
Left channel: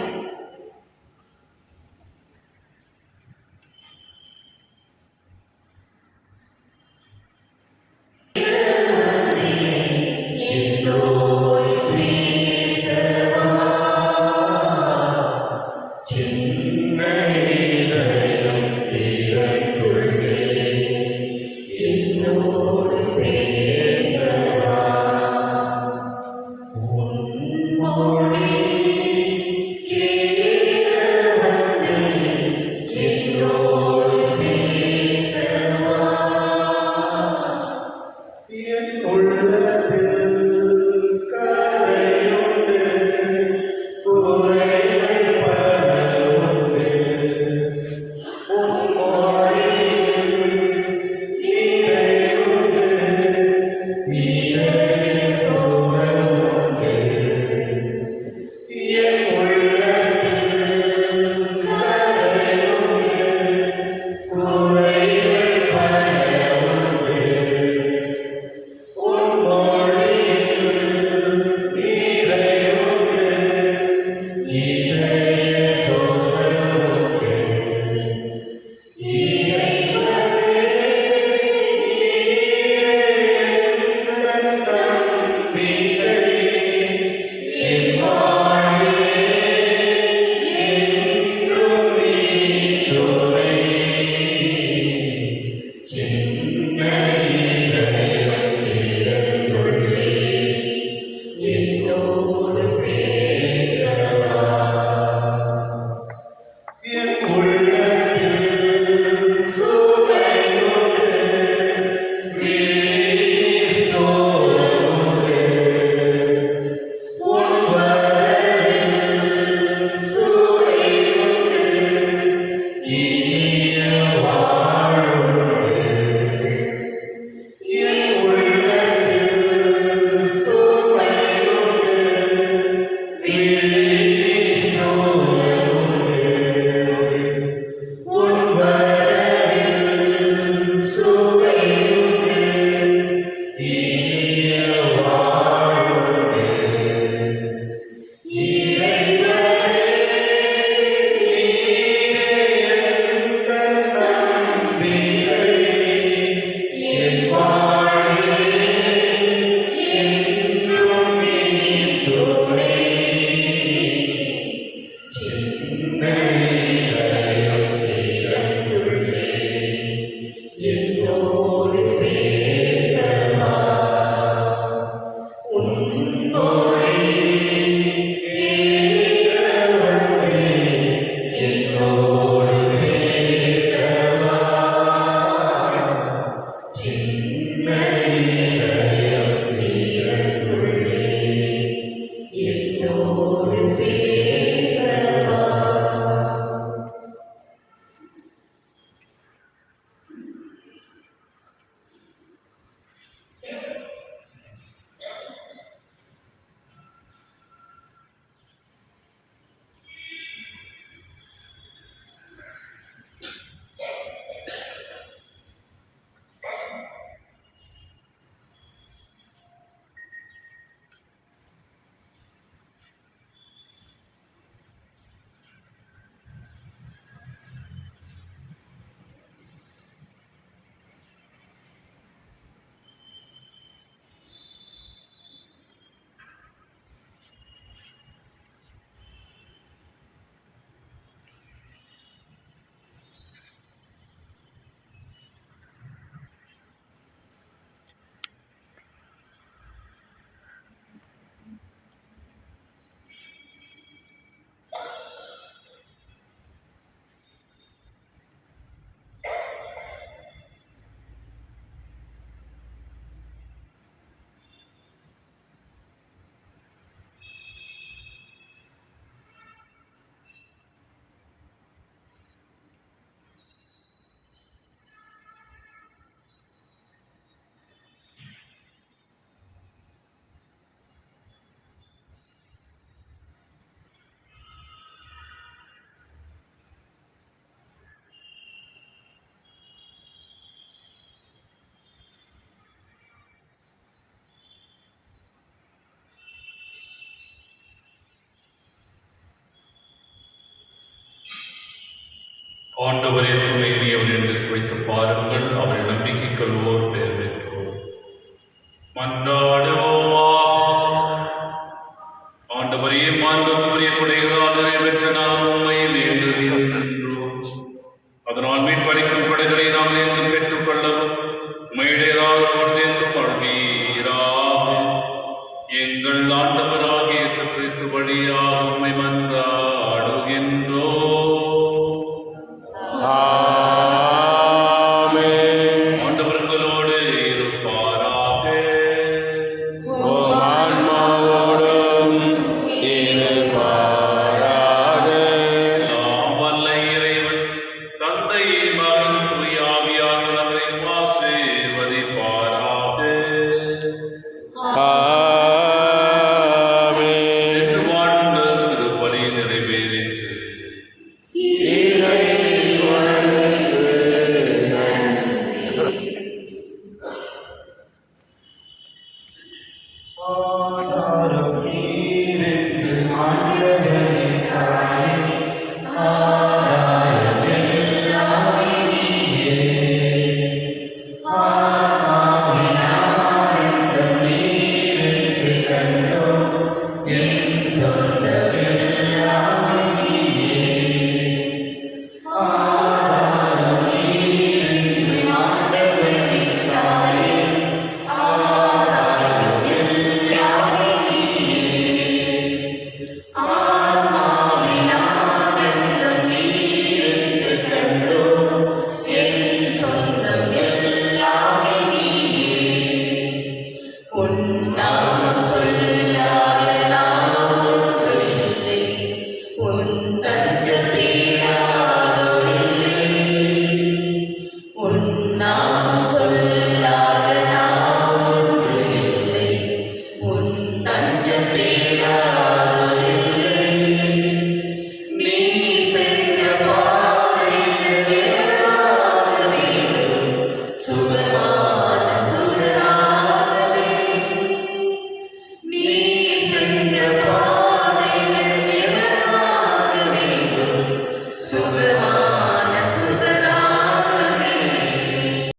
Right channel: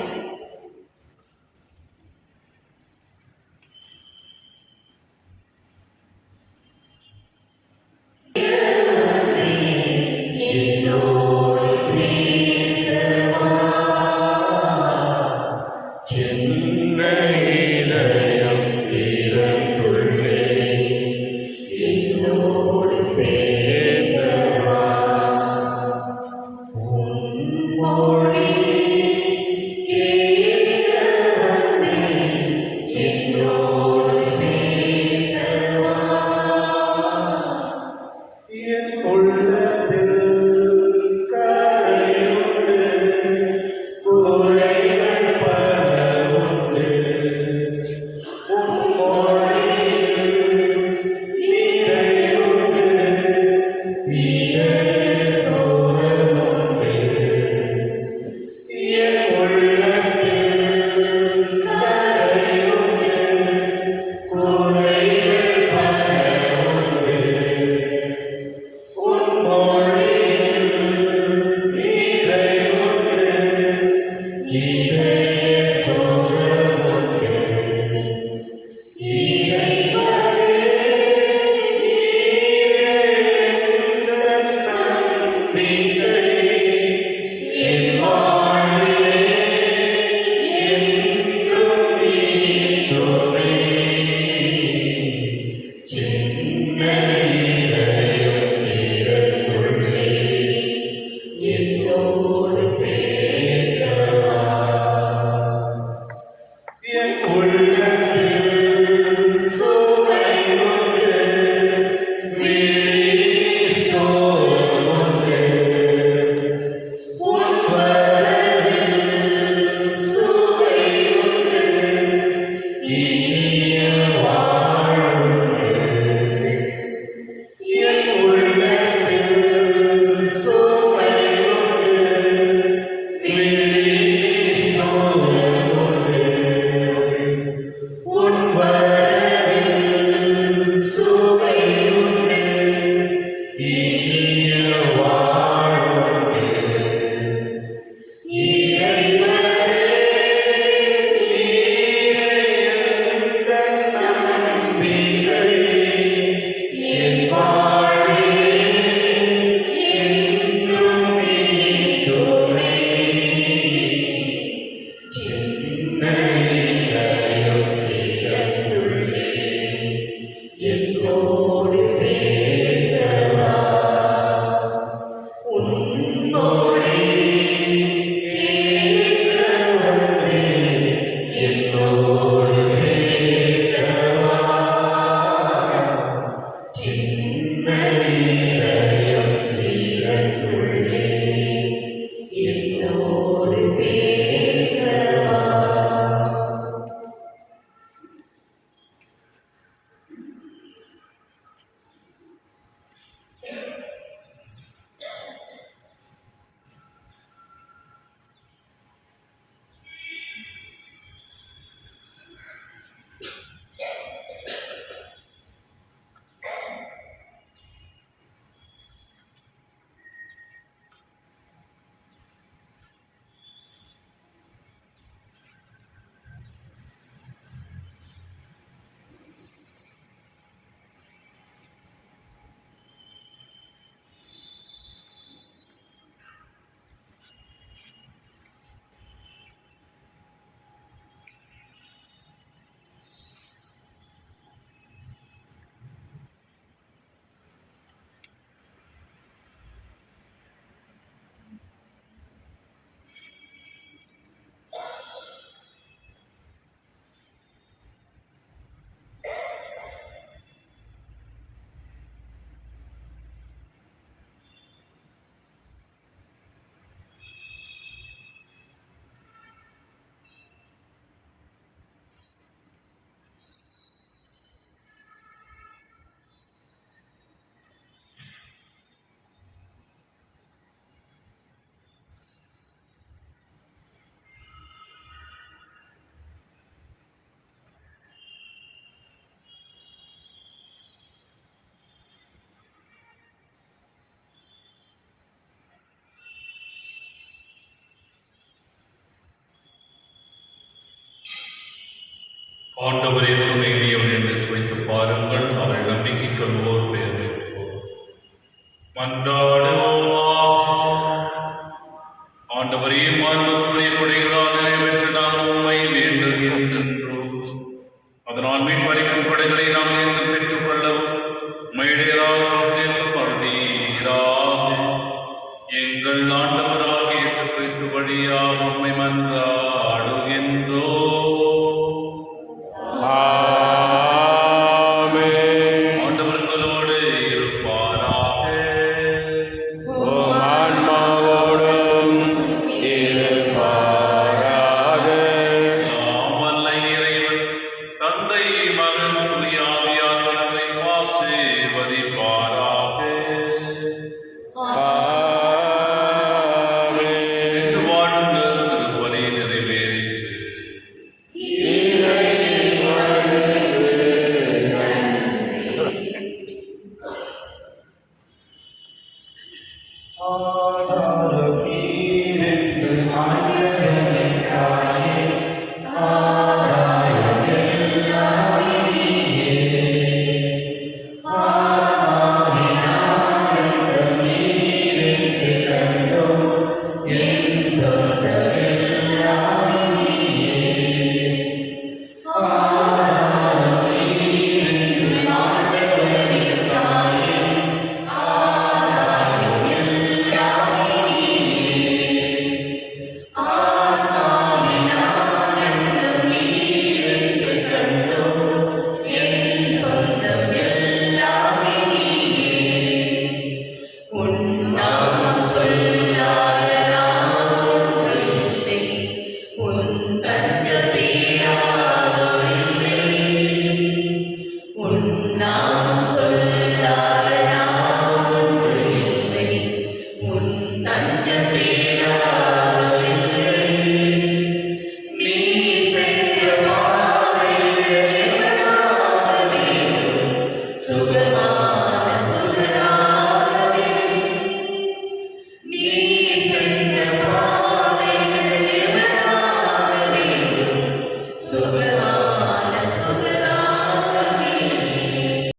ஆண்டவரே துணை நீர் என்று சுவைத்து பாருங்கள்.